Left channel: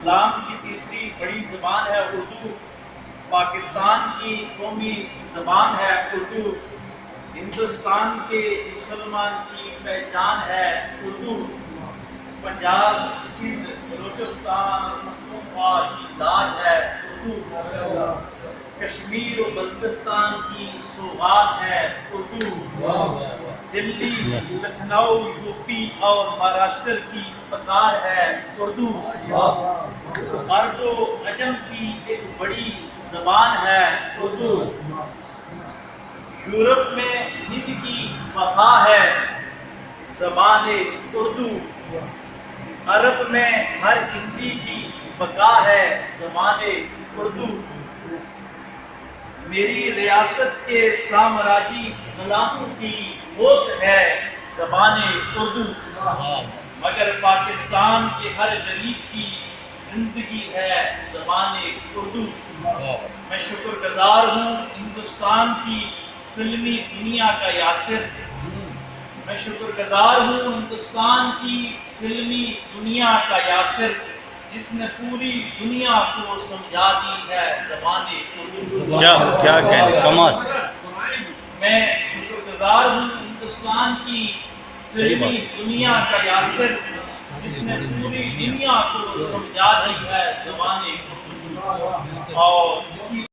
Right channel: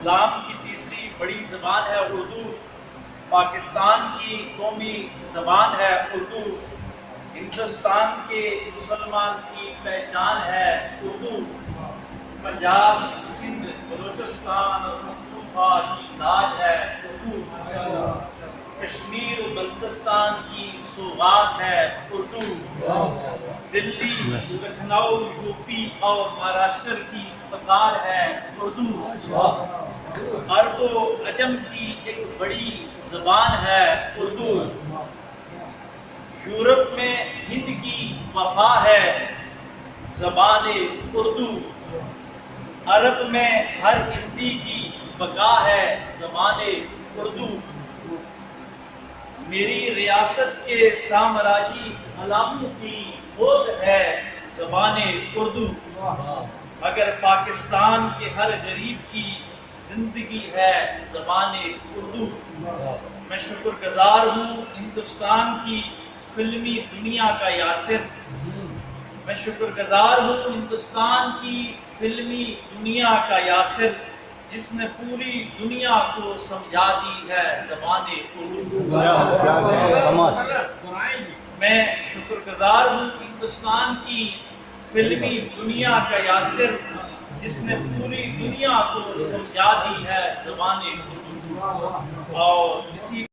اسلام کی تیسری بڑی زبان ہے اردو، پاکستان کی قومی زبان ہے اردو، ہندوستان کے مسلمان کی پہچان ہے اردو، پنجاب، سندھ، بلوچستان اور پختونخوا کی تاج ہے اردو، کشمیر و بلتستان کی سوغات ہے اردو، دلی، لکھنؤ، یوپی اور مہاراشٹر کی پکار ہے اردو، عرب و عجم کی ایک بڑی زبان ہے اردو، یورپ میں ہند کی وفا ہے زبان اردو، عرب میں ہر ہندی کی بقا ہے زبان اردو، میری ریاست کے سامراجی غلاموں کی ہوت ہے زبان اردو، مگر پاکستان کے ہر غریب کی زندگی ہے زبان اردو، میں شکر گزار ہوں ہندوستان کی فلمی دنیا کا یاسر، میں شکر گزار ہوں ہندوستان کی فلمی دنیا کا یاسر، جس نے پوری دنیا کو سمجھا دی ہے زبان اردو۔ کیا کہنے کمال۔ میں شکر گزار ہوں ہندوستان کی فلمی دنیا کا یاسر، جس نے پوری دنیا کو سمجھا دی ہے زبان اردو، اور اسی